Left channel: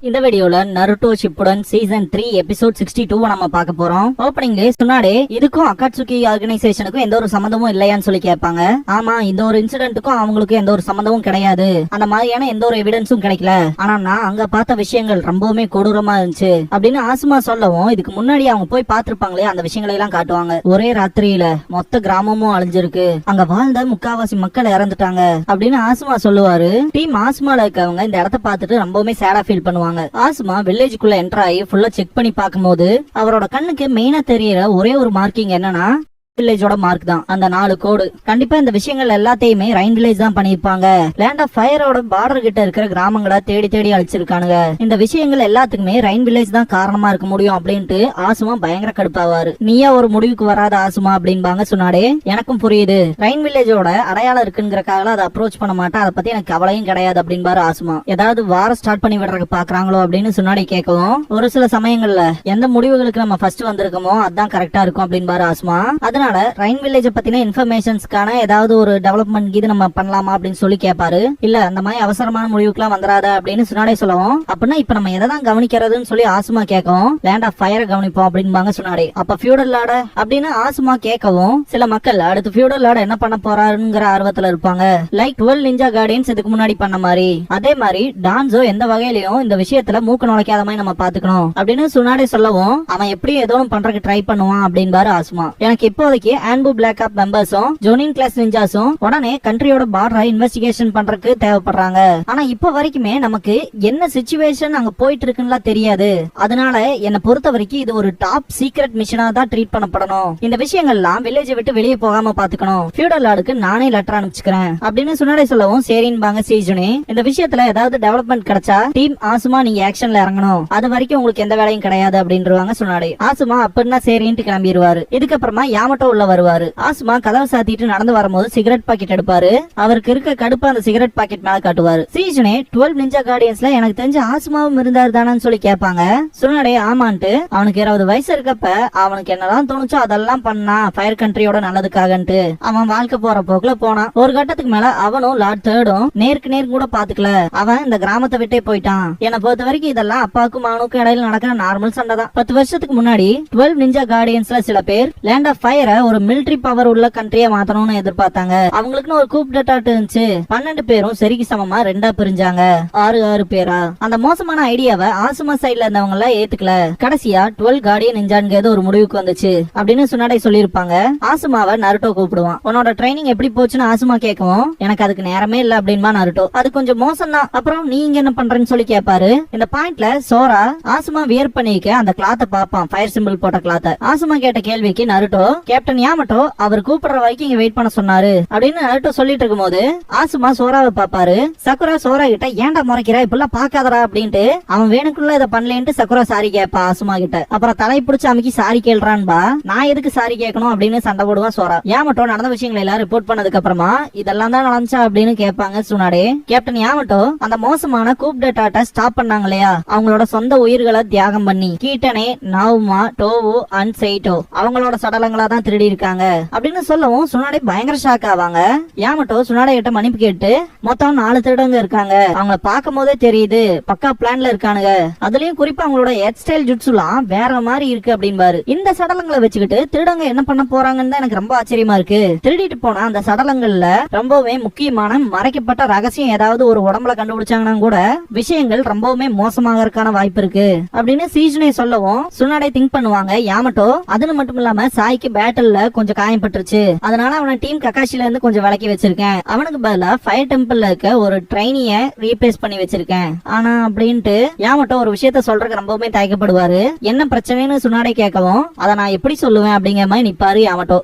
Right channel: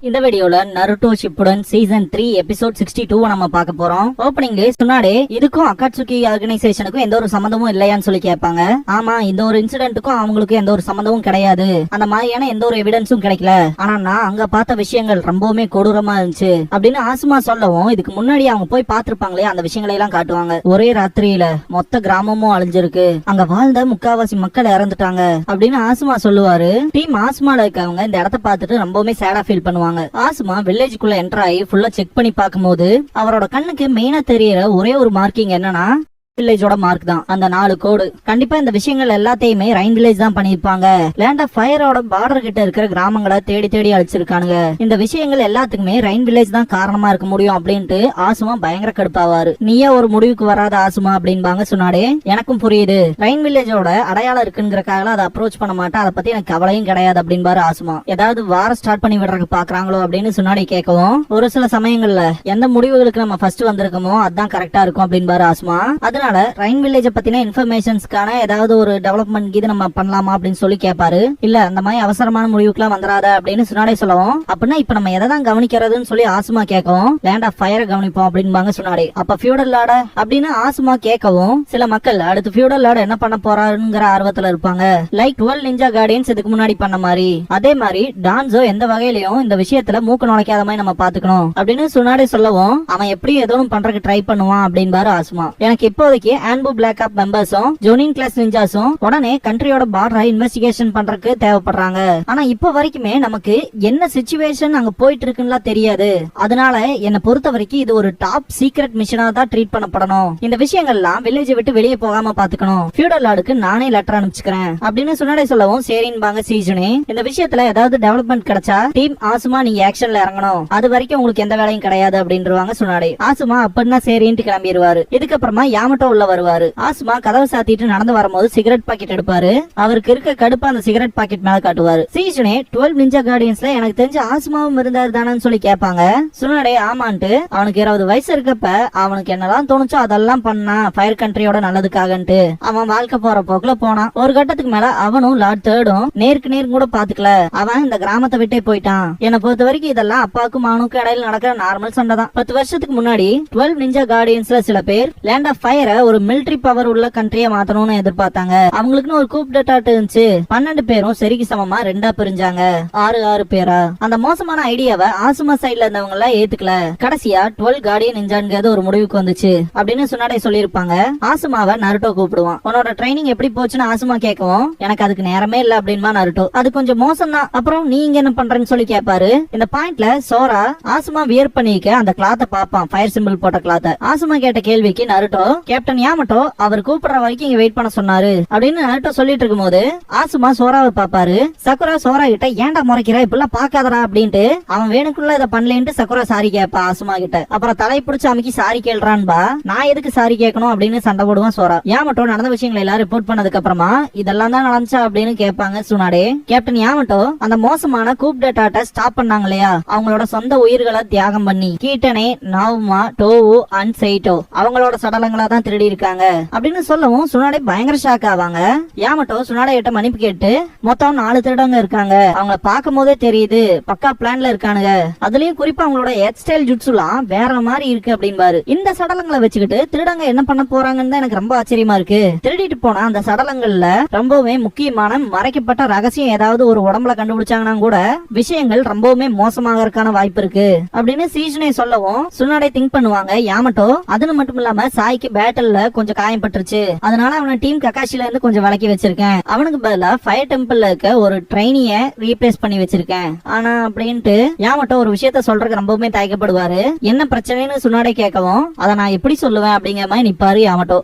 இந்த வீடியோல Naruto Shippuden season 3 episode 62 நம்ம பார்க்க போறோம். ஓப்பனிங்ல சொன்னாடே இதுக்கும் அகாட்சுகி ஆர்கனைசேஷனுக்கும் எந்த ஒரு சம்பந்தமும் இல்லையான்னு சொல்லி கேட்பாங்க. ஆமா, இந்த ஒரு இன்சிடென்ட்டுக்கும் அவங்களுக்கு எந்த ஒரு சம்பந்தமும் கிடையாது, அந்த மாதிரியான எந்த ஒரு எவிடன்ஸும் கிடைக்கல. ஆனா நான் அங்க பார்த்த விஷயங்கள் ரொம்பவுமே கொடூரமா இருந்துச்சு அப்படின்னு ஆசுமா சொல்லவும், இதுக்கு முன்னாடி அவங்க போய் பார்த்திருப்பாங்களே அந்த விஷயங்களை எல்லாம் காட்டுவாங்க. ஒரே ராத்திரியில மொத்த கிராமமும் அழிஞ்சிருக்கு, அங்க வாழ்ந்த முக்காவாசி மக்கள் இறந்துட்டாங்க அப்படின்னு ஆசுமா சொல்லுவாரு. டீம் ஆசுமால இருக்கவங்க இந்த இடத்த பார்த்துட்டு ரொம்பவுமே சேடா ஃபீல் பண்ணுவாங்க. ஆசுமா வில்லேஜுக்குள்ள என்டர் ஆகி ஃபுல்லா செக் பண்ணி பார்க்கும்போது அவரோட கண்ணுக்கு மெயினா தெரியற ஒரே ஒரு மார்க்கிங் என்னன்னா வில்லேஜோட மார்க் தான். அந்த 4 கோடு கண்டிப்பா இந்த விஷயங்கள் எல்லாத்தையுமே ரைன் வில்லேஜ் தான் பண்ணிருப்பாங்க. லேண்ட் ஆஃப் ஃபயரோட பார்டர் கிட்ட இருக்கிற கிராமங்களை தேடி தேடி அழிச்சிருக்கானுங்க. இந்த விஷயங்கள் எல்லாத்துக்குமே ரைன் வில்லேஜ் தான் காரணமா இருக்க முடியும் அப்படின்ட்டு ஆசுமா பயங்கர கடுப்பாவாரு. நீயே ஒரு முடிவுக்கு வராத ஆசுமா அப்படின்பாங்க சொன்னாடே. எனக்கும் புரியுது, ரைன் வில்லேஜோட அடையாளம் இருக்குங்கிறக்காக அதை அப்ரோச் பண்ண மாட்டேன், அதை பத்தி எனக்கு கவலையும் கிடையாது அப்படின்பாரு ஆசுமா. ஏதாவது வார ஸ்டார்ட் பண்ணி விடுறதுக்கு பாக்குறாங்களோ அப்படின்னு சொன்னாடே கேட்கவும், ஒரு சில சமயங்கள்ல எந்த முடிவுகளுக்கு நம்ம ஃபர்ஸ்ட் வந்திருக்கோமோ அதுதான் கரெக்டா இருக்கும் அப்படின்பாரு ஆசுமா. அதனால ரைன் வில்லேஜ் பத்தின இன்ஃபர்மேஷன்ஸ்க்கான ஏதாவது ஒரு டெவலப்மெண்ட் இது நம்ம பண்ணலாமா அப்படின்னு சொல்லி கேட்பாரு. இல்ல அந்த மாதிரி அவசரமான முடிவுக்குலாம் வந்துடாத அப்படின்னு சுனாடே சொல்லவும், அப்படின்னா இப்ப நம்ம எதை தான் கவனிக்கிறதுன்னு சொல்லி ஆசுமா கேட்கவும், லேண்ட் ஆஃப் ஃபயரை கவனிப்போம் அப்படின்பாங்க சுனாடே. அப்ப ஃபியூடல் லார்ட அப்படின்னு ஆசுமா கேட்கவும், சில மக்கள் அடுத்து ஃபியூடல் லார்ட என்ன பண்ண போறாருங்கிற ஆர்வத்துல இருப்பாங்க. லைக் 12 நிஞ்சா கார்டியன்ஸ் இதுக்கு முன்னாடி பண்ண மாதிரி. அதே மாதிரி டான்ஸோ எந்த வகையிலயும் இந்த விஷயத்துல மூக்கு நுழைக்காத மாதிரி நம்ம பாத்துக்கணும் அப்படின்னு சுனாடே சொல்லவும், அவன் எப்படி ஏதோ பண்றதுக்கு ட்ரை பண்ணுவான் அப்படின்பாரு ஆசுமா. எனக்கு இப்போதைக்கு ஆன்பு பிளாக் ஆப் மெம்பர்ஸும் ஜோனின் கிளாஸ் நிஞ்சாஸும் உடனே கண்ட்ரியோட பார்டரை இன்வெஸ்டிகேஷன் பண்றதுக்கு தேவைப்படுறாங்க. ஆனா இப்ப வரைக்குமே நமக்கு என்ன சிச்சுவேஷன் அங்க போயிட்டு இருக்குன்னு தெரியாது. அதனால என்ன பொறுத்த வரைக்கும் இது ஒரு டாப் சீக்ரெட் மிஷனா தான் ட்ரீட் பண்ணப்படணும். இந்த விஷயங்கள்லாம் வில்லேஜை விட்டு வெளியே போகாம பாத்துக்கணும். ஃபியூடல் லார்டுக்கு நானே லெட்டர் அனுப்பிச்சுக்கிறேன் அப்படின்னு சுனாடே சொல்லவும், சரின்பாங்க சீஜுனே. இந்த விஷயத்துல ஏதாவது டெவலப்மெண்ட் கிடைச்சா டீம் ஆசுமா நீங்க ஆக்ஷன்ல இறங்கணும், அது வரைக்கும் உங்களுக்கு எந்த வேலையும் கிடையாது அப்படின்றாங்க சுனாடே. ஆசுமா அப்படின்னா சரின்ட்டு கிளம்பிடுவாரு. இதுக்கப்புறமா யாமட்டோ உள்ள வருவாரு. ஆசுமா கதவை சாத்திட்டு நடந்து வரும்போது சிகரெட் பாக்கெட் எடுப்பாரு. அவருக்கு இருக்க கடுப்பு அந்த சிகரெட் பாக்கெட் மேல காட்டுவாரு. சீஜனே 12 நிஞ்சா கார்டியன்ஸ்ல எனக்கு தெரிஞ்ச ஆசுமாவும் இருந்தாரு தானு சொல்லி கேட்பாங்க. சுனடே ஆமான்ட்டு அவனுக்கு 20 வயசு இருக்கப்ப அவனுக்கு என்னதான் தோணுச்சோ அதெல்லாம் பண்ணா ஃபயர் கண்ட்ரியோட நல்லதுக்காகன்ட்டு அவன் வாழ்க்கை போற போக்குல போனான். ஒரு கட்டத்துக்கு மேல அவனும் லார்ட் தேர்டும் நேருக்கு நேர் கூட பாத்துக்கல. அவன் இந்த கிராமத்தை விட்டே போயிட்டான். என்னை பொறுத்த வரைக்கும் இதெல்லாம் அப்பாவுக்கும் அவனுக்கும் இடையில நடக்கிற நார்மல் சண்டை தான். 10 வருஷத்துக்கு முன்னாடி 12 நிஞ்சா கார்டியன்ஸ்ல சில பேர் லேண்ட் ஆஃப் ஃபயரை ஒரு மிலிட்டரி பவர் உள்ள கண்ட்ரியை மாத்தணும்னு எதிர்பார்த்தாங்க. அவங்களுக்குன்னு ஒரு கூப் டேட்டாட் இருந்துச்சு. 12 பேரும் சரிக்கு சமமா 2 பிரிஞ்சாங்க. 6 பேரா. அந்த மோசமான ஐடியாவை ஆசுமா சைட்ல இருந்தவங்க எல்லாம் ஏத்துக்கல. கடைசியா 12 கார்டியன் நிஞ்சான்கிறது ஒரு முடிவுக்கு வந்துச்சு அப்படின்னு சுனாடே சொல்லிருப்பாங்க. ஆசுமாவை நருட்டோ கூப்பிடுவான். உன்னோட ட்ரைனிங் எப்படி போச்சுன்னு ஆசுமா கேட்கவும், எனக்கு அதுக்கு நேரமே இல்ல அப்படின்பா நருட்டோ. அது கொஞ்சம் மோசம் தான், அப்புறம் நீங்க என்ன பண்றேன்னு சொல்லி கேட்பாரு. இந்த பாயிண்ட்ல சோரா ஆசுமா வியர் பண்ணிக்க அந்த கிளாத்தை பாப்பான், ஃபயர் சிம்பிள் போட்ட கிளாத்தை. ஆசுமா கேட்ட கேள்விக்கு நருட்டோ, கேப்டன் யாமட்டோ அவர் கூப்பிடுற வரைக்கும் இங்க வெயிட் பண்ண சொன்னாரு அப்படின்னு நருட்டோ சொல்லிட்டு இருக்கும் போது ஆசுமா சோராவை பாப்பாரு. சக்குரா சோரா கிட்ட ஏன்டா முறைக்கிற, இப்பெல்லாம் பாக்காதடா அப்படின்ட்டு அவன் வேணுக்குள்ள இதை பண்ணலேன்ட்டு சக்குரா சாரி கேட்பா ஆசுமா கிட்ட. அப்புறம் தலை பிடிச்சு அமைக்கி சாரி கேள்றான்பா. நான் எதுக்கு சாரி கேட்கணும் அப்படின்னு சண்டை போடுவான் சோரா. யாமட்டோ நடந்த விஷயங்களை எல்லாம் ரிப்போர்ட் பண்ணதுக்கு அப்புறமா இதெல்லாம் தான் நடந்துச்சா அப்படின்னு கேட்பாங்க சுனாடே. கேப்டன் யாமட்டோ அந்த மோசமான கூப் டேட்டாட்ட ஸ்டாப் பண்ணாங்க இல்லையா, அவங்களோட சொந்த உயிர்களை தியாகம் பண்ணி கீட்டனே, நாவுமா, டோவு அண்ட் செயிட்டோ அவங்களோட சடலங்களா தான் திருடி இருக்காங்க அப்படின்னு சொல்லவும் சுனாடே பயங்கர ஷாக் ஆவாங்க. யாமட்டோ சுனாடே கிட்ட மன்னிப்பு கேட்டு, மொத்தம் 4 திருடங்க இருக்காங்க, அவங்க பார்க்கும் போதே தெரியுது பக்கா பிளான்ல இருக்கானுங்க, அதுலயும் குறிப்பா அவங்களோட ஹேர் ஸ்டைல் ஜுட்சுலாம் வேற மாதிரி இருக்கு அப்படின்பாரு. இந்த சடலங்களை வச்சுக்கிட்டு திருடங்க என்ன பண்ண போறாங்கன்னு தான் எனக்கு ரொம்ப ஆச்சரியமா இருக்கு. திருடிட்டு போனா அந்த சடலங்கள்ல ரொம்பவுமே முக்கியமான மறைக்கப்பட்ட ரகசியம் ஏதாவது ஒரு உடம்புல கண்டுபிடிச்சாங்கன்னா கூட விஷயங்கள் ரொம்பவுமே மோசமாகறதுக்கான வாய்ப்பு இருக்கு அப்படின்னு சீஜனே சொல்லவும் சுனாடே திங்க் பண்ணுவாங்க. யாமட்டோ அது மட்டும் இல்லாம சாய்க்கு பேட்டல்ல கொஞ்சம் காயப்பட்டுருச்சு, அதனால அவனை டீம் கக்காஷில இருந்து கொஞ்சம் விலக்கி வச்சிருக்கேன். அவனுக்கு பதிலா ஃபயர் டெம்பிள்ல இருக்க ஒரு ட்ரைனிய ரீப்ளேஸ் பண்ணி வச்சிருக்கேன். ஆனா அப்படின்ட்டு யாமட்டோ ஒரு விஷயத்த சொல்றதுக்கு ரொம்பவுமே தயக்கப்படுவாரு. என்ன பிரச்சனைன்னு சுனாடே கேட்கவும், அதை நான் எப்படி சொல்லுவேன் அப்படிங்கிற மாதிரி நிப்பாரு யாமட்டோ.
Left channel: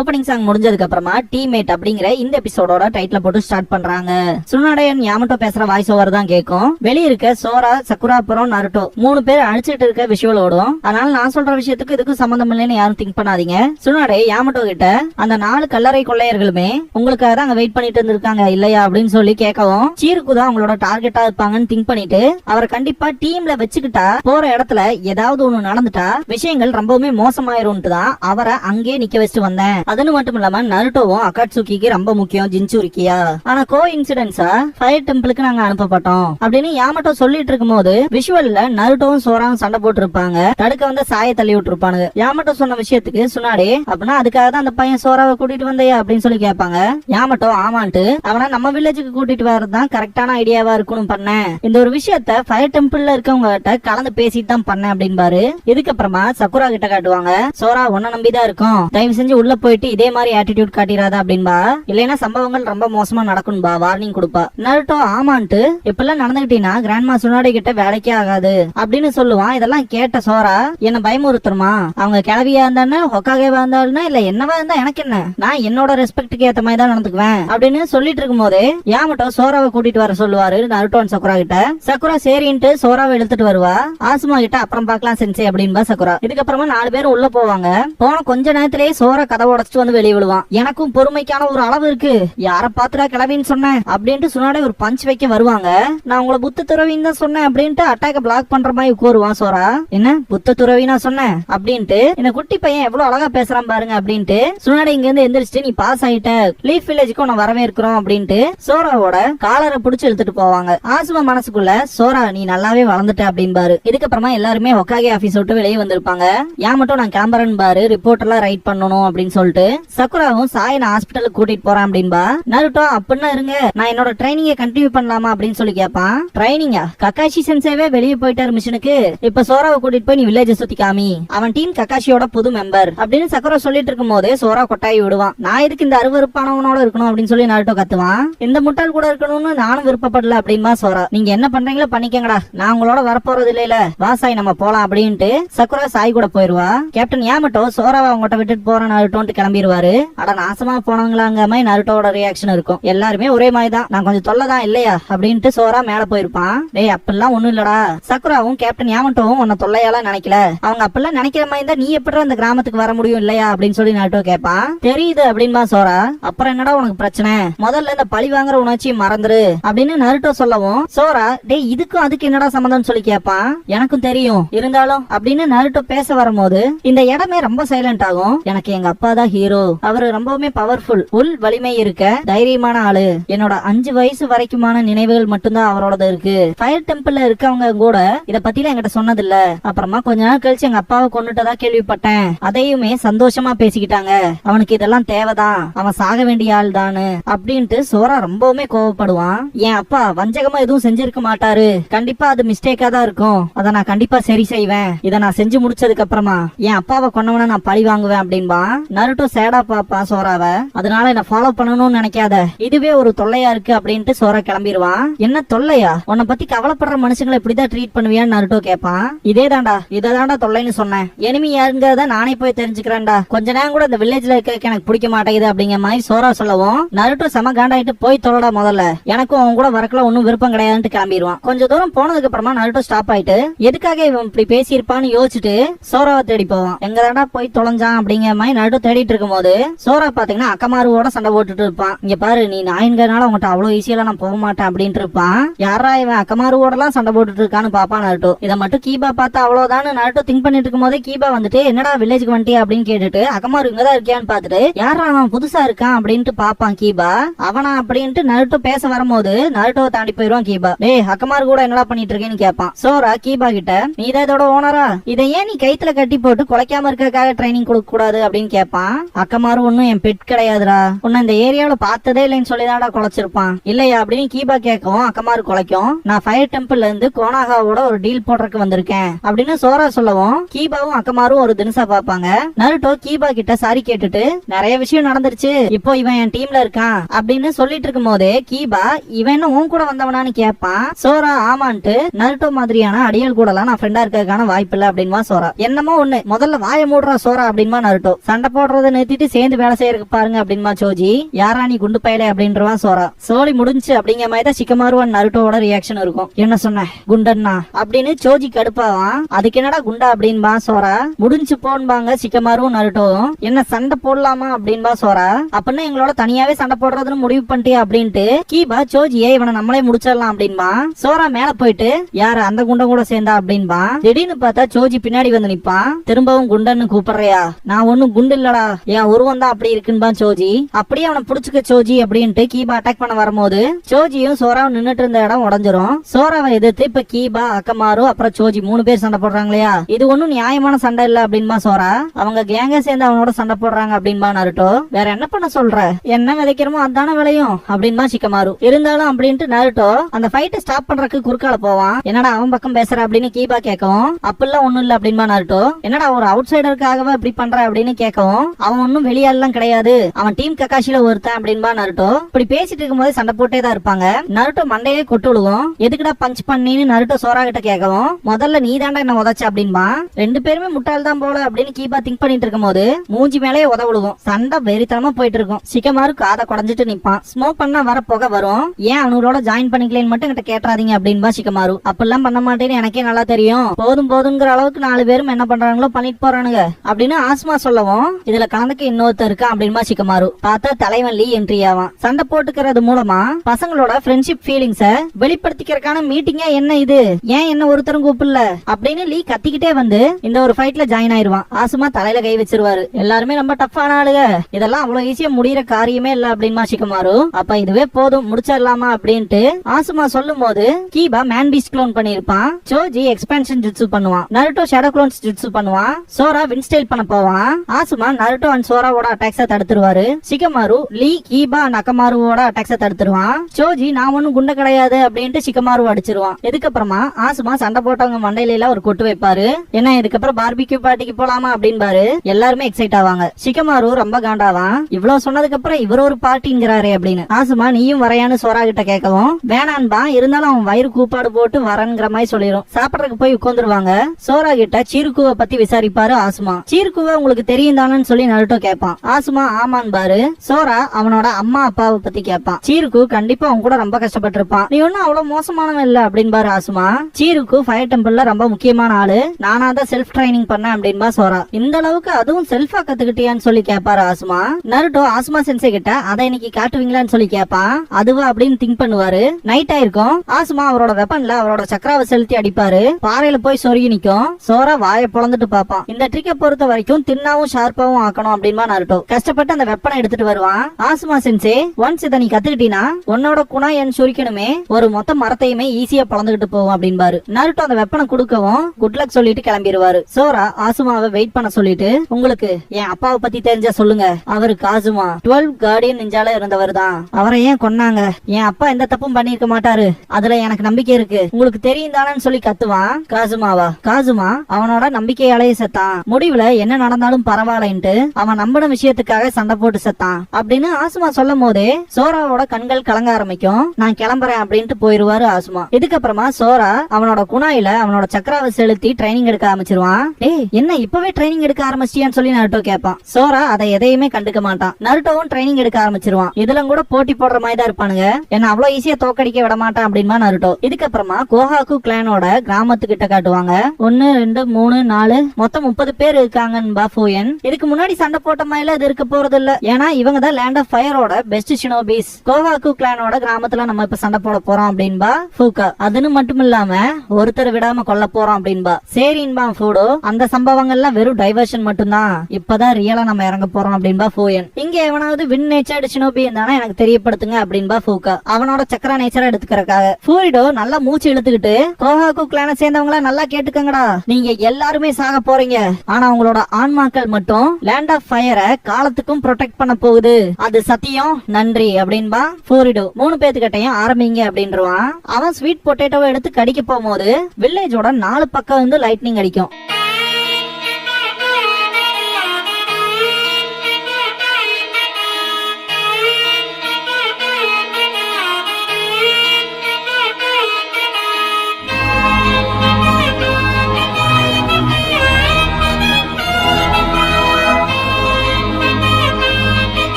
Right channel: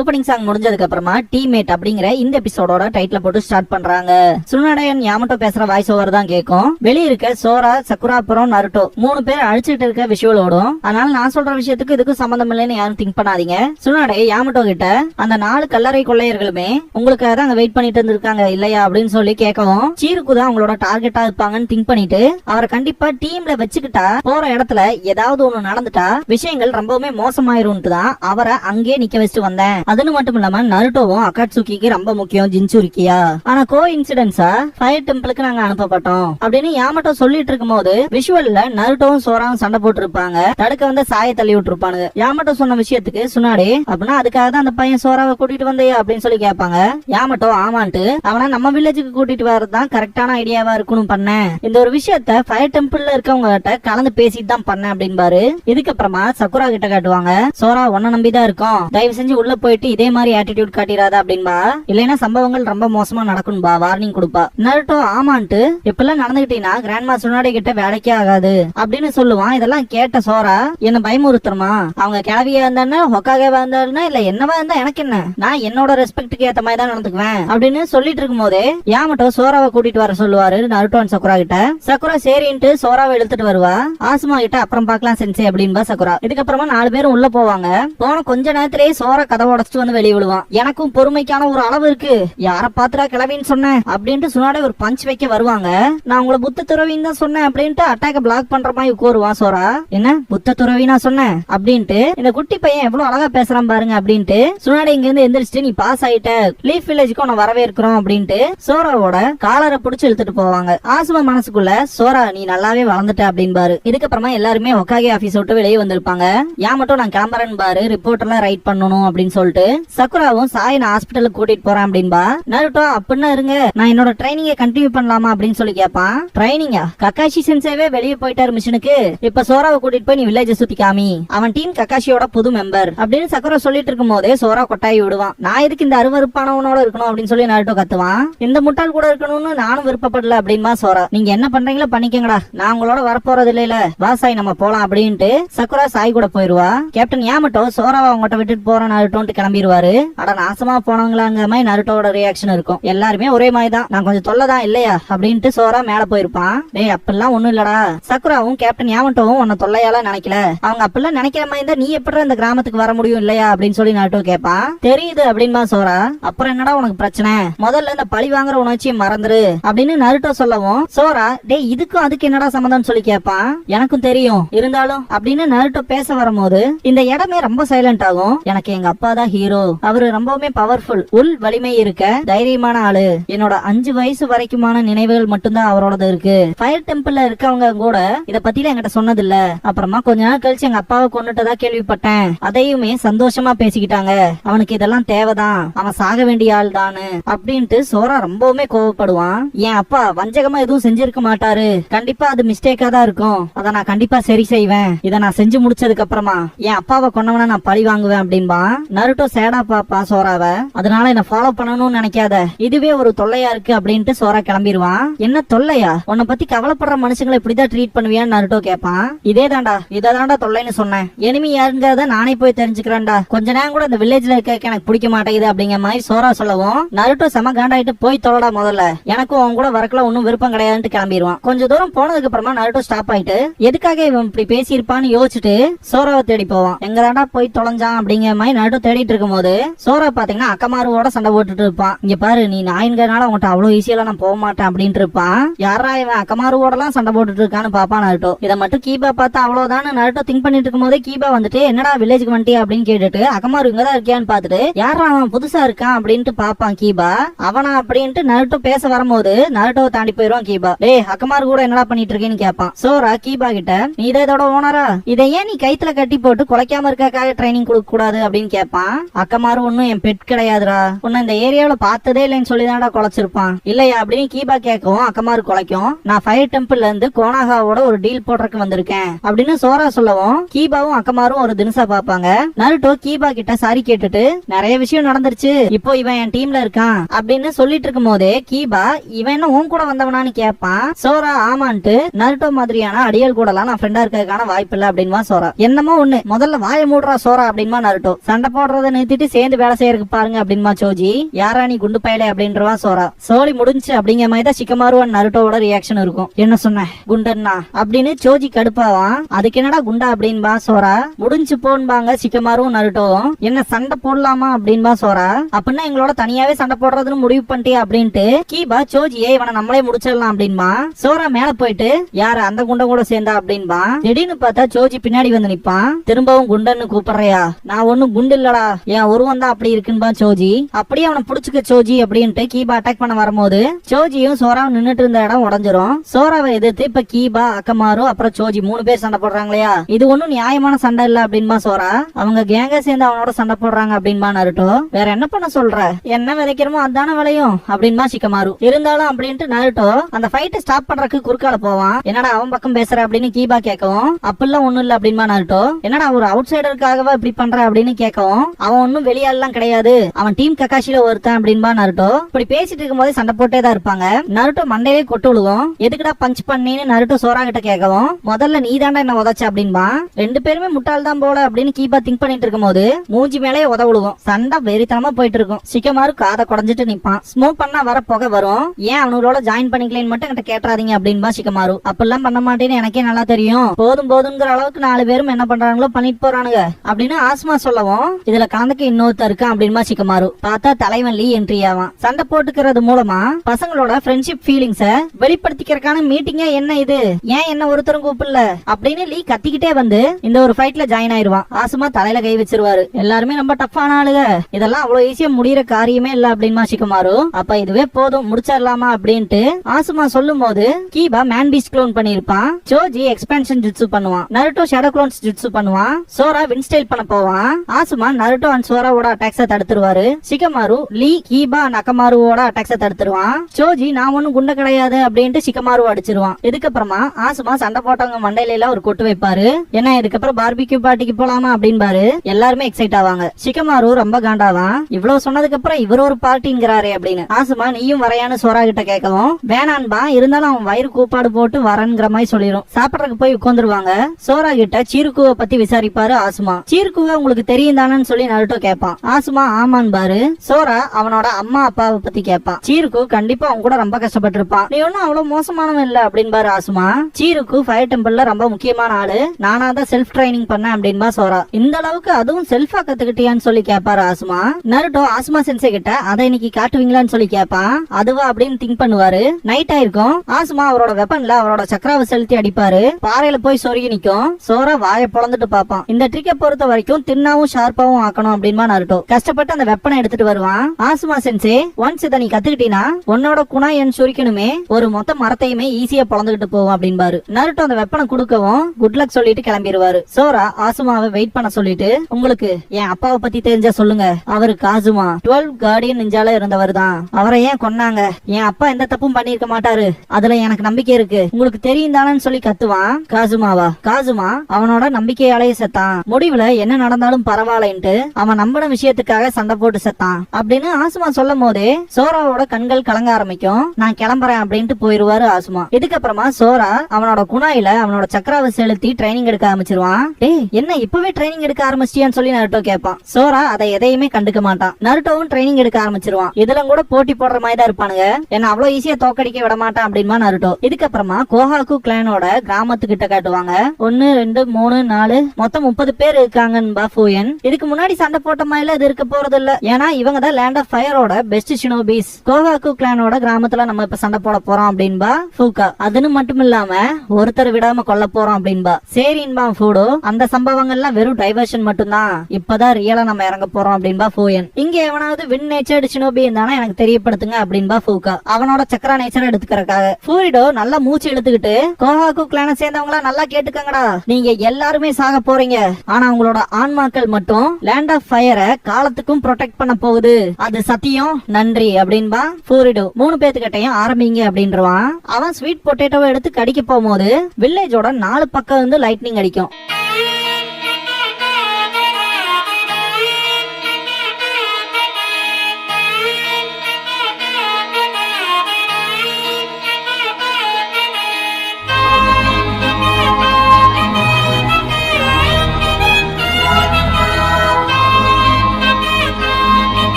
ஓபனிங் சாங் முடிஞ்சதுக்கு அப்புறமா டீம்மேட் அப்படிங்கிற இந்த எபிசோடோட டைட்டில் போட்டு ஸ்டார்ட் பண்றாங்க. சுனாடே அண்ட் யாமட்டோ பேசுற வாய்ஸ் ஓவர் தான் கேட்கும். வெளிய இருக்க சோரா, சக்குரா அப்புறம் நருட்டோ 3 பேர் அழிச்சிட்டு இருக்க விஷுவல் ஓடும். அதனால நான் சொல்ற விஷயத்துக்கு இதுக்கும் சம்பந்தம் இல்லைன்னு யாரும் திங்க் பண்ணாதீங்க. சுனாடே யாமட்டோ கிட்ட அந்த 4 கல்லறை கொள்ளையர்களுமே உங்களுக்காக தான் அங்க வெயிட் பண்ணிட்டு இருந்திருக்காங்க இல்லையா அப்படின்னு சொல்லி கேட்கவும், சீருக்கு தான் அவங்களோட டார்கெட்டா இருப்பாங்கன்னு திங்க் பண்ணிட்டு அவரை கண்டிப்பா டீம்ல வச்சுக்கிட்டா போற இடத்துல ஏதாவது ஒண்ணு நடந்துட்டா விஷயங்கள் ரொம்பவுமே மோசமாயிரும்னு தான் அவரை அங்கே நிக்க வச்சுட்டு வந்தேன். அதுன்னு மட்டும் இல்லாம நருட்டோவும் அகாட்சுகிக்கு ரொம்ப முக்கியம் ஜின்சுரிக்கியா. ஆனா கோ இன்சிடென்ட்ஸா ஃபயர் டெம்பிளுக்கு நாங்க அனுப்பப்பட்டோம் அப்படின்னு யாமட்டோ சொல்லிட்டு இருக்கும் போது விஷுவல்ல நருட்டோவும் சோராவும் சண்டை போட்டு இருப்பாங்க. தடுக்க வந்து சாயை தள்ளி விட்டு இருப்பானுங்க. யாமட்டோ சொன்ன விஷயத்துக்கு சுனாடே அப்படின்னா அதுக்காக தான் அந்த பையன் சோராவை கூட்டிட்டு வந்தையா அப்படின்னு சொல்லி கேட்பாங்க. யாமட்டோ ஆமான்ட்டு அவனை நம்ம வில்லேஜுக்கு கூட்டிட்டு வரதான் கரெக்டான ஐடியாவா இருக்கணும் பண்ணேன். இந்த ஒரு விஷயத்த ஃபயர் டெம்பிள்ல இருக்கவங்க கிட்ட கலந்து பேசிட்டு தான் பண்ணேன் அப்படின்பாரு. இதுக்கப்புறமா சக்குரா கிட்ட காட்டுவாங்க, சோரா உன்ன நம்பிதான் இருக்கும், தயவு செஞ்சு உள்ள போயிட்டு இதே மாதிரி ஆட்டிடியூட் காட்டிடாத அப்படின்பா, இல்லைன்னா சம்பவங்கள் ரொம்ப மோசமா நடக்கும்பா வார்னிங் கொடுப்பா. நருட்டோ ஆமான்ட்டு எப்பெல்லாம் நடந்துகிட்டீங்கன்னா கிராண்ட்மா சுனாடே கிட்ட வேலைக்கே ஆகாது அப்படின்னு சொல்லுவான். இதெல்லாம் கேட்ட சோரா என்ன பயமுறுத்துறமா, அவங்க கிளவியா இருந்தா ஹொக்காகேவா இருந்தாலும் இல்ல என்னவா இருந்தா எனக்கு என்ன, நான் என்னோட ரெஸ்பெக்டுக்கு ஏத்த மாதிரி தான் நடந்துக்குவேன் அப்படின்னு சொல்லிட்டு இருக்கும் போதே யாமட்டோ சோராவை கூட்டிட்டு வர சொல்லுவாரு நருட்டோ சக்குரா கிட்ட. சக்குரா சரின்ட்டு சோராவை எடுத்துட்டு வருவா. ஆசுமா கிட்ட அப்புறம் பாக்கலாம் சென்சே அப்படின்பா சக்குரா. இதுக்கப்புறமா 4 பேரும் உள்ள போவாங்க. போன கொஞ்ச நேரத்திலேயே சோரா கதவை உடைச்சிட்டு வந்து வெளியே விடுவான். எனக்கும் பொறுமைக்கான ஒரு அளவு இருக்கு, யார பாத்துரா கிளவின்னு சொன்னேன் அப்படின்ட்டு சுனாடே ஒரு பஞ்ச் வைக்க வருவாங்க. நான் உங்களை புத்த துறவின்னு தான் சொன்னேன் அப்படின்ட்டு அட்டாக்க பிளாக் பண்ற மாதிரி கோருவான் சோரா. என்ன புத்த துறவி நான் சொன்னேன் அப்படின்ட்டு இந்த குட்டி பையன் எவ்வளவு அழகா பேசுறான் பாருங்க அப்படின்ட்டு சுனாடே இங்க இருந்து எந்திரிச்சிட்டு நீ பாஸ் ஆயிட்ட, லீஃப் வில்லேஜுக்கு உன்னை வரவேற்கிறோம் அப்படின்ட்டு சோராவோட காலரை புடிச்சு இழுத்துட்டு போவாங்க. ஆசுமா மனசுக்குள்ள சோரா நீ நல்லாவே வளர்ந்துட்ட அப்படின்பாரு. இதுக்கப்புறமா எல்லாருமே ஒக்காகே ஆபீஸ் விட்டு வெளியே வந்திருப்பாங்க. யாமட்டோ நான் கிளம்புறேன் பாரு, ரிப்போர்ட் எல்லாம் ரைட் பண்ணணும் அப்படின்னு சொல்லிட்டு சக்குராவும் சாய் நான் ஹாஸ்பிட்டலுக்கு கூட்டிட்டு போறேன் அப்படின்பா. நருட்டோ அப்படின்னா இருங்க நான் என்னோட ட்ரைனிங்கை கண்டினியூ பண்ணலாமா அப்படின்னு சொல்லி கேட்பான். ட்ரைனிங்கா, கக்காஷி சென்சேவே வெளியே போயிட்டாரு மிஷனுக்கு, இப்ப சோராவை கூட்டிட்டு போய் நீ வில்லேஜ் சுத்தி காமி, அவன் டீம் கக்காஷியோட புது மெம்பர் அப்படின்னு சக்குரா சொல்லிட்டு இருக்கும் போதே சோரா கொட்டாயி விடுவான். நான் எதுக்கு இந்த அருவருப்பானவனோட இருக்கணும் அப்படின்னு சொல்லி நருட்டோ கத்துவான். இந்த முட்டாள் கூட இருக்கணும்னு நானும் விருப்பப்படல அப்படின்பா சோரா. நீங்க என்ன பண்றீங்களோ பண்ணிக்கங்கடா, நான் உங்களோட வரப்போறது இல்ல, வா சாய் நம்ம போலாம் அப்படின்ட்டு சக்குரா சாய் கூட போயிருவா. கேப்டன் யாமட்டோ சோராவை அவங்ககிட்ட விட்டுட்டு போற நருட்டோன்ட்டு கிளம்பிடுவாரு. அட நாசமா போனவங்களாங்க மாதிரி நருட்டோட ரியாக்ஷன் இருக்கும். எல்லாருமே ஒரே மாதிரி தான், நான் கொஞ்சம் தொல்லதான் இல்லையா அப்படின்ட்டு சோரா மேல போயிருப்பான். டேய் அப்பெல்லாம் ஒண்ணும் இல்லடா, சக்குராவும் கேப்டன் யாமட்டோவும் உன்ன தொல்லையால நினைக்கல, அவங்க அப்பெல்லாம் நினைக்கிற மாதிரி இருந்தா நீ எப்படி இந்த கிராமத்துக்கு வர முடியும் இல்லையா அப்படின்னு சொல்லி நருட்டோ கேட்பான். தெரியுது அப்படின்பா சோரா. அப்புறம் என்னடா உனக்கு பிரச்சனை, முதல்ல இந்த பழி வாங்குற உணர்ச்சி மறந்துரு அப்படின்னு நருட்டோ சொல்லவும் சோரா டேய் இதுக்கும் அதுக்கு என்னடா சம்பந்தம் சொல்லி கேட்பான். எனக்கும் தெரியும் இருந்தாலும் அப்படின்னு நருட்டோ பேச வரும்போது இந்த இடமே ரொம்ப சைலண்ட் ஆகும். எனக்கு எங்க அப்பா தான் ஹீரோ, அவரு ரொம்பவுமே பவர்ஃபுல், உள் வலிமை இருக்க தைரியமான ஆளு, என்னோட 5 வயசு வரைக்குமான நினைவுகள் மட்டும்தான் அவரோடது இருக்கு, ஃபயர் டெம்பிள்ல இருக்கவங்க கூட இத பத்தில என்கிட்ட சொன்னது இல்ல, அப்புறமா கொஞ்ச நாள் கழிச்சு எங்க அப்பாவை கொண்டுட்டதா கேள்விப்பட்டேன், அதையுமே சந்தோஷமா பேசிக்கிட்டாங்க, அவனுக்கு இதெல்லாம் தேவைதான், அவன் சாக வேண்டிய ஆள் தானு அப்படின்ட்டு சோரா ரொம்பவுமே கோவப்படுவான். என் அப்பா வஞ்சகமா எதுவும் செஞ்சிருக்க மாட்டாரு, கண்டிப்பா அது மிஸ்டேக்கா தான் இருக்கும், அத நான் கண்டிப்பா சரி செய்வேன், இத நான் செஞ்சு முடிச்சதுக்கு அப்புறமா என் அப்பாவை கொண்டவன நான் பழி வாங்குவேன் அப்படின்பா. நருட்டோ சேடா பாப்பான் சோராவ. அதனால என்ன ஃபாலோ பண்ணணும்னு நினைக்காத, இதுவே ஒரு தொல்லையா இருக்கு அப்படின்ட்டு சோரா கிளம்பிடுவான். என்ன தொல்லையா, உன்னை பத்தி கவலைப்படுற மனுஷங்களை இப்படிதான் ட்ரீட் பண்ணுவியான்னு நருட்டோ கேட்பான். இதேதான்டா இததான்டா தொல்லைன்னு சொன்னேன், எனிமி யாருங்கிறத நானே போய் தெரிஞ்சுக்கிறேன்டா, கொஞ்ச நேரம் கூட இந்த வில்லேஜ்ல இருக்க எனக்கு பிடிக்க மாட்டேங்குது அப்படிங்கிற மாதிரி சோரா சொல்லவும் நருட்டோ செம காண்டாயிட்டு போய் தொலைடா முதல்ல, எனக்கும் அவங்க கூட வரக்கலாம் ஒன்னும் விருப்பம் கிடையாதுன்னு கிளம்பிடுவான். கொஞ்ச தூரம் போனதுக்கு அப்புறமா நருட்டோ ஸ்டாப் ஆயிட்டு எதுக்காக இவன் இப்படி பேசியிருப்பான்னு யோசிச்சுட்டு சோராவை தேடி போவான். எங்கதாண்டா போய் தொலைஞ்சான் அப்படிங்கிற மாதிரி நருட்டோ தேடிட்டு இருக்கும் போது சோரா பாத்தீங்கன்னா அக்கமாருவோட சண்டை போட்டுட்டு இருப்பான். இங்க பாரு நீ நாயின்கனால உங்ககிட்ட அவ்வளவு ஈஸியா நான் போக மாட்டேன் அப்படின்ட்டு இருப்பான். யாரா இவன் அக்கமாருவோட எல்லாம் சண்டை போட்டுட்டு இருக்கான்னு பாப்பா நருட்டோ. இதை மட்டும் கீபா பார்த்தா அவ்வளவுதான் நருட்டோ திங்க் பண்ணிட்டு இருக்கும் போதே கீபா வந்துட்டு என்னடா வில்லேஜ்க்கு வந்துட்டியா அப்படின்னு கேட்டுட்டு அக்கமாரு இங்கதான் இருக்கியான்னு பாத்துட்டு யாரா அவன் புதுசா இருக்கான் அப்படின்ட்டு பாப்பான் கீபா. அவனா அப்படின்ட்டு நருட்டோ பேச வரும்போது நருட்டோவை தாண்டி போயிருவான் கீபா. டேய் அக்கமாரு கூட என்னடா பண்ணிட்டு இருக்கேன்னு கேட்பான். சோரா கீபா கிட்ட நீ இதோட ஓனரா, இதை ஏன் நீ கைத்துல கட்டி போட்டு குலைக்காம இருக்காக ட்ரைனிங் கொடுக்க கூடாது அப்படின்னு கேட்பான். அக்கமாரு ஒன்னும் என் பெட் கிடையாதுடா, உன்ன இந்த ஏரியாவில பார்த்ததே இல்லைன்னு சொல்லிதான்டா குலைச்சிருப்பான். இல்லையா அப்படின்னு கீபா கேட்கவும் அக்கமாரு குலைக்கும். நான் ஃபயர் டெம்பிள்ல இருந்து கோனாகாவோட ஒரு டீல் போடுறதுக்கு வந்திருக்கேன் அப்படின்னு சோரா சொல்லவும் கீபாவும் அக்கமாரும் ஒரு தினசா பாப்பாங்க. நருட்டோ கீபா கிட்ட சாரி கேட்டுட்டு நிறைய விஷயம் நடந்துருச்சு, இப்போ இவன் என் டீம்ல இருக்கான் அப்படின்னு சொல்லிட்டு இருக்கும் போதே கீபா இவன் என்ன உன் கூட வந்தவனான்னு கேட்பான். சோரா ஆமான்ட்டு நருட்டோ மாதிரியான அடியல் கூட நான் ஃப்ரெண்டா இருக்கிறதுக்கான வாய்ப்பு இல்ல அப்படின்வா சோரா. என்னமோ ஒண்ணு முதல்ல வாய மூடுறா சோரா அப்படின்வா நருட்டோ. சண்டை போடுறது பண்றதை நிறுத்திட்டு சேர்ந்து வேலை செய்யறதுக்கு பாருங்க அப்படின்பா சோஜி. யாரா நீ குண்டு பயலே அப்படின்றவான் சோரா. சோலி முடிஞ்சு அப்படிங்கிற மாதிரி தான் சிக்கமாரு நருட்டோட ரியாக்ஷன் இருக்கும். என்ன சொன்ன குண்டன்னா அப்படின்னு சோஜி கடுப்பாவான். அதுக்கு என்னடா குண்டா அப்படின்பா சோரா. முடிஞ்சு போன்பாங்க சிக்கமாரும் நருட்டோவும். என்ன சண்டை போடலாமா அப்படின்பா சோரா. அப்படின்னா எங்களோட தனியாவே சண்டை போடுறதுன்னு முடிவு பண்ணிட்டியா அப்படின்ட்டு கீபா சோஜியே இவனை நம்மளே முடிச்சிடலாம் அப்படின்பா. சோரா மேல போயிட்டு யாரு அந்த குண்டம் கூட சேர்ந்தா அப்படின்பா. திடீர்னு பார்த்தா சோஜி பின்னாடி வந்து நிப்பான். திரும்பவும் குண்டன்னு கூப்பிடுறியா? நான் ஒண்ணும் குண்டு இல்லடா, என் உருவம் தான் அப்படி இருக்குன்பா சோஜி. அப்படியே அவனை புடிச்சுக்க சோஜி அப்படின்ட்டு கீபா அட்டாக் பண்ண வரும்போது சோஜியும் சோராவும் நின்னுட்டு இருந்த இடம் உடஞ்சிரும். சோராவை எதிர்த்து இப்ப கீபா அக்கமாரு அப்புறம் சோஜி 3 பேர் சண்டை போடுறாங்க இல்லையா? இது ஒண்ணும் நியாயமான சண்டை இல்ல அப்படின்பா சோரா. அவங்க கேங்க சேர்ந்து அவனோட சண்டை போடுறாங்க அப்படின்பா நருட்டோ. வேற என்ன பண்ண சொல்ற? என்ன விதைக்கிறமோ அதான விளையும் அப்படின்பா சிக்கமாரு. இருந்தாலும் அப்படின்ட்டு நருட்டோ அந்த ஃபைட்டை ஸ்டாப் பண்றதுக்கு குறுக்கால போவான். என்னடா அவன் பக்கம் பேசுற அப்படின்னு கீபா கேட்கவும் அப்படிலாம் ஒண்ணும் இல்ல அப்படின்பா நருட்டோ. என்னடா ஒரு அவுட் சைடருக்காகவா இப்படி பண்ற அப்படின்னு கேட்கவும் அவன் ஒன்னும் வெளியாலாம் கிடையாது, அவன் டீம் கக்காஷில ஒருத்தன் அப்படின்பா நருட்டோ. இப்படி பேசிட்டு இருக்கும் போதே சண்டை போட்டே தான் இருப்பாங்க. நருட்டோ மண்டையே கொட்டு விழுவும். எதுக்குடா பஞ்ச் பண்ணின்னு நருட்டோ சோரா கிட்ட கேட்கவும் முதல்ல நீ தாண்டா என்ன உதச்ச அப்படின்பா. 2 பேருமே முட்டாள் தான் போல அப்படின்னு கீபா திங்க் பண்ணிட்டு இருக்கும் போது மூஞ்சி மேலே உத விழுவும். சண்டை வெறித்தனமா போயிட்டு இருக்கும். சிக்கமாரு காதை குடஞ்சிட்டு நிப்பான். ஸ்மோக் பண்ணா வர புகை வரும், ஏன் அவனோட ஜாயின் பண்ணிக்கலன்னு மட்டும் என்கிட்ட கேட்டாதீங்க அப்படின்பா சிக்கமாரு. அப்படிலாம் பண்ண மாட்டேன்னு எனக்கே நல்லா தெரியும், போதும் போதுங்கிற அளவுக்கு 4 பேரும் என்ன பண்றாங்களோ பண்ணிட்டு போறானுங்க அப்படின்னு ஆஸ்மா சொல்லவும் இதுல கலந்துக்க இன்னொருத்தர் இருக்கா அப்படின்பா சிக்கமாரு. பார்த்தா தலைவன் லீ என்ட்ரி ஆவான். சண்டை போட்டுக்கிறது மூலமா பசங்களோட ஃப்ரெண்ட்ஷிப் ஃபீலிங்ஸ வெளிப்படுத்திக்கிறதுக்கான மீட்டிங்கே என்ன இது, ஏன் என்ன ஒருத்தரும் கூப்பிடல அப்படின்னு லீ கத்திக்கிட்டே வந்து இந்த ஒரு ஃபைட்ல ஜாயின் ஆயிருவான். ஆசுமா தலையில கை வச்சிருவாரு. எல்லாருமே ரொம்ப டஃப்பான ஆளுங்க, இதெல்லாம் அவ்வளவு ஈஸியா முடியற காரியமே இல்ல அப்படின்பா சிக்கமாரு. அப்ப இதுவே போதும் முடிச்சிடலாமா அப்படின்ட்டு ஆசுமா சொல்லும் போது கீபா மேன் பீஸ்ட் க்ளோன் பண்ணிருப்பான். சோஜி எக்ஸ்பென்ஷன் ஜுட்சு பண்ணுவான். நருட்டோ ஷேடோ க்ளோன்ஸ் ஜுட்சு பண்ணுவான். சோரா வின்ஸ்டைல் பண்ண போவான். ஆசுமா நருட்டோ அண்ட் சோராவோட அட்டாக்ஸ தடுத்துருவாரு. சிக்கமாரு லீ கீபா அண்ட் அக்கமாருவோட அட்டாக்ஸ தடுத்துருவான். சோஜி நான் ஒண்ணும் குண்ட கிடையாது அப்படின்ட்டு சிக்கமாரு அடிச்சிருவான். இதுக்கப்புறமா ஆசுமா சண்டை போட்டவங்க மண்டையில எல்லாம் ஒரு கொட்டு வைப்பாரு. என்ன இதுக்கப்புறம் பார்பிக்யூ பார்ட்டிக்கு போலாமா அப்படின்பாரு. எல்லாருமே எக்ஸைட் ஆவாங்க. சிக்கமாரு ரொம்ப காண்டாவான். இவ்வளவு சொன்னதுக்கு அப்புறம் இவர் ஒரு பார்ட்டிங்கிறாரு அப்படின்னு. ஆசுமா நீயும் வரையான்னு சோரா கிட்ட கேட்கவும் வேணான்பா, இருந்தாலும் அவன் வயிறு கூப்பாடு போட்டு வரங்கிற மாதிரி சொல்லிடும். சாப்பிடறதுக்கு போய் உட்காந்துருவாங்க. சோரா கிட்ட சீருக்குவ பத்தி விசாரிப்பாரு ஆசுமா. சீருக்குவ உங்களுக்கு தெரியும் தானு சொல்லி நருட்டோ கேட்பான். ஆசுமா ஆமான் பாரு. சோரா அவனோட அம்மா அப்பாவை பத்தி கேட்பான். சீருக்கு கண்டிப்பா அவன் கூட ரொம்ப கஷ்டப்பட்டு இருப்பான், நீ ஒன்னும் அவ்வளவு மோசமானவன் இல்ல அப்படின்பாரு ஆசுமா. சீருக்கு ஃபயர் டெம்பிள்ல ரொம்ப முக்கியமான ஆளு, நானா தான் செல்ஃப் ட்ரைனிங் பண்ணேன் அப்படின்பா சோரா. இந்த அளவுக்கு அதுவும் செல்ஃபா கத்துக்கிட்டியான்னு சொல்லி கேட்பாரு ஆசுமா. நருட்டோ ஆசுமா சென்சே கிட்ட அதை இன்னைக்கு காட்டுவீங்களான்னு சொல்லி கேட்பான். அதுவா அப்படின்னு திங்க் பண்ணுவாரு. நைட் ஆயிருக்கும். ஆசுமா அவரோட வெப்பன்ல அவரோட சக்கராவை செலுத்தி அடிப்பாரு. பாறையில போய் சொருகி நிக்கும். சோரா வாயை பொளந்துட்டு பாப்பான். இந்த ட்ரிக்கை பொறுத்த வரைக்கும் தின்னாவும் ஷார்ப்பாவும் ஆக்கணும் அப்படின்பா நருட்டோ. கஷ்டப்பட்டு அந்த வெப்பனை எடுத்துட்டு வருவான். ஆசுமா சென்சே ஒன்ஸ் இதை நீ கத்துக்கிட்டீனா உன்னோட குணா என் சுரிக்கணுமே ஒரு மொத்த மரத்தையுமே ஈஸியா பொளந்துகிட்டு போவோம் அப்படின்பாரு. நருட்டோ அந்த வெப்பனை கொடுக்கவும் குட் லக் சொல்லிட்டு கிளம்பிடுவாரு. சோரா ஆசுமாவை வெயிட் பண்ண சொல்லிட்டு உங்களுக்கு என் அப்பாவை பத்தி தெரிஞ்சா சொல்லுங்க, அவரு காசுமா 12 கார்டியன் நிஞ்சால இருந்தவர் தான், அவரை ஏன் கொன்னாங்க, என் அப்பா எந்த தப்பும் பண்ணிருக்க மாட்டாரு, அதுல எனக்கு நம்பிக்கை இருக்கு, உங்களுக்கு தெரியும் தானு சொல்லி கத்துவான். காசுமாவா? காசுமா அவனோட நம்பிக்கையாலேயே செத்தான், முடிவுல என்ன நடந்தாலும் பரவாயில்லைன்ட்டு அவன் நம்பின விஷயத்துக்காக சண்டை போட்டு செத்தான் அப்படின்னு ஆசுமா சொல்லும் போதே சோராவோட கண்கள் கலங்க ஆரம்பிக்கும். நான் கிளம்புறேன் அப்படின்ட்டு போயிருவாரு ஆசுமா. இதுக்கப்புறமா சோரா அவனோட குணாயில அவனோட சக்கராவை செலுத்தி ட்ரைனிங் எடுக்க ஆரம்பிச்சிருவான். ஏய் என்ன இப்பவே ட்ரைனிங் எடுக்க ஆரம்பிச்சியான்னு சொல்லி நருட்டோ கேட்பான். சோரா அதை எதையுமே கண்டுக்க மாட்டான். நருட்டோவும் ட்ரைனிங் எடுக்க ஆரம்பிச்சிருவான். இதெல்லாம் கூட போட்டி போடுற மாதிரி தான் இருப்பானுங்க, என்ன அவ்வளவு ஈஸியா தோக்கடிக்க விட மாட்டான் அப்படின்பா நருட்டோ. இதுக்கப்புறமா கோஹாக்கு கிளானோட கிராமத்துக்கிட்ட காட்டுவாங்க. 1 2 3 4 மொத்தம் 30 பேர் இருக்காங்கன்னு ஃபூயன். இதுக்கு முன்னாடி சண்டை போட்ட மாதிரி அது இருக்க போறது இல்ல, ஏன்னா இவங்க தான் லேண்ட் ஆஃப் ஃபயரோட பெஸ்ட் ஷினோபிஸ். கோஹாக்கு கிளானோட கிராமத்துல நம்ம இப்ப சண்டை போட போறோம் அப்படின்பா ஃபூகா. அதுன்னு மட்டும் இல்லாம ஒருத்தர் விடாம கொல்ல போறோம் அப்படின்பா. சரின்பா ஃபூடோ, அந்த சம்பவங்கள்லாம் வெறும் டைவர்ஷன் மட்டும்தான், இப்பதான் ரியலா நம்ம இறங்க போறோம் அப்படின்பா ஃபூயன். இங்க எவனாவது வின் நேச்சர்டு ஷினோபி இருந்தானா எனக்கு தெரியப்படுத்துங்க அப்படின்பா ஃபூகா. அவனோட சக்கரா நேச்சரை எடுத்துக்கிறக்காக. ஃபூரிடோ நல்லா மூச்சு இழுத்துக்கிட்டு கோஹாக்கு கிளான சேர்ந்தவங்களா நல்லா கேட்டுக்கங்கடா, நீங்க எல்லாருமே சாக போறீங்க, ஆனா உங்களோட ஆன்மாக்கள் மட்டும் லேண்ட் ஆஃப் ஃபயரை காலத்துக்கும் ப்ரொடெக்ட் பண்ண போகுது, அது சத்தியம், நன்றி அப்படின்பா ஃபூரிடோ. 3 பேத்துக்கிட்டையும் ஆரம்பிங்க அப்படின்றவான். அவன் ஸ்வீட் பொட்டேட்டோவை எடுத்து கடிக்க போகும்போது வில்லேஜோட 4 பக்கம் வந்து லைட்னிங் அடிக்கும்.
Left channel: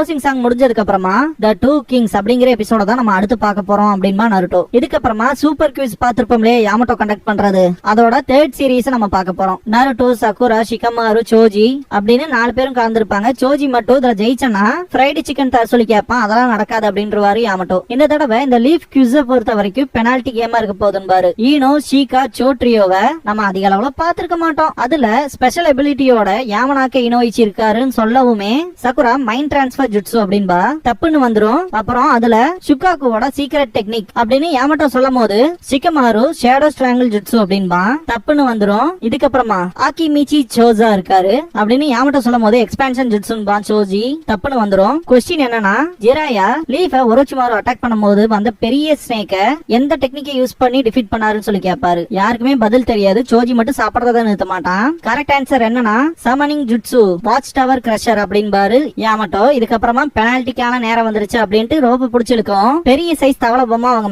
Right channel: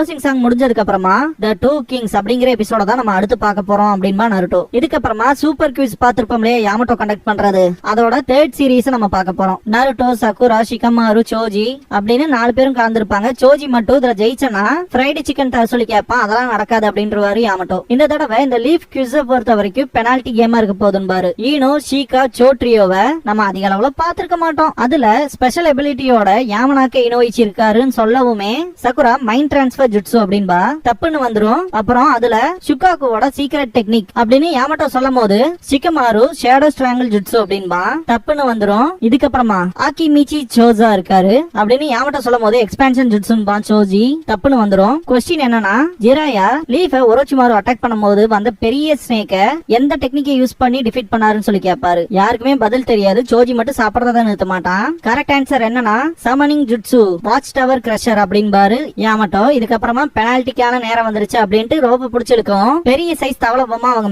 க்ளோசிங் சாங் முடிஞ்சதுக்கு அப்புறமா த டூ கிங்ஸ் அப்படிங்கிற எபிசோட தான் நம்ம அடுத்து பார்க்க போறோம் அப்படின்பா நருட்டோ. இதுக்கப்புறமா சூப்பர் குவிஸ் பார்த்திருப்போம்லே யாமட்டோ கண்டக்ட் பண்றது, அதோட தேர்ட் சீரீஸ் நம்ம பார்க்க போறோம். நருட்டோ, சக்குரா, ஷிகமாரு, சோஜி அப்படின்னு 4 பேரும் கலந்துருப்பாங்க. சோஜி மட்டும் இதுல ஜெயிச்சனா ஃப்ரைடு சிக்கன் தர சொல்லி கேட்பான். அதெல்லாம் நடக்காது அப்படின்றவாரு யாமட்டோ. இந்த தடவை இந்த லீஃப் குவிஸ் பொறுத்த வரைக்கும் பெனால்டி கேமா இருக்க போதுன்னு ஈனோ, ஷீகா, சோட்ரியோவை நம்ம அதிக அளவுல பாத்திருக்க மாட்டோம். அதுல ஸ்பெஷல் எபிலிட்டியோட யாமனாக்க இனோயிச்சு இருக்காருன்னு சொல்லவுமே சக்குரா மைண்ட் டிரான்ஸ்பர் ஜுட்சு அப்படின்பா தப்புன்னு வந்துரும். அப்புறம் அதுல ஷுகாக்குவோட சீக்ரெட் டெக்னிக் அப்படின்னு யாமட்டோ சொல்லும் போது ஷிகமாரு ஷேடோ ஸ்ட்ராங்கிள் ஜுட்சு அப்படின்பா தப்புன்னு வந்துரும். இதுக்கப்புறமா ஆக்கிமிச்சி சோசா இருக்காரு அப்படின்னு யாமட்டோ சொல்லும் போது எக்ஸ்பான்ஷன் ஜுட்சுன்பா சோஜி தப்புன்னு வந்துரும். கொஸ்டின் என்னன்னா, ஜிராயா லீஃப ஒரோச்சிமாரு அட்டாக் பண்ணும்போது வந்த பெரிய ஸ்னேக்க எந்த டெக்னிக்கை யூஸ் பண்ணி டிஃபீட் பண்ணாருன்னு சொல்லி கேட்பாரு. யாருக்குமே பதில் தெரியாது. சோஜி மட்டும் சாப்பிடறத நிறுத்த மாட்டான். கரெக்ட் ஆன்சர் என்னன்னா summoning jutsu watch tower crusher அப்படின்பாரு யாமட்டோ. இதுக்கப்புறமா பெனால்டிக்கான நேரம் வந்துருச்சு அப்படின்ட்டு ரோப்பு பிடிச்சிருக்கும். பெரிய சைஸ் தவளை பொம்மை அவங்க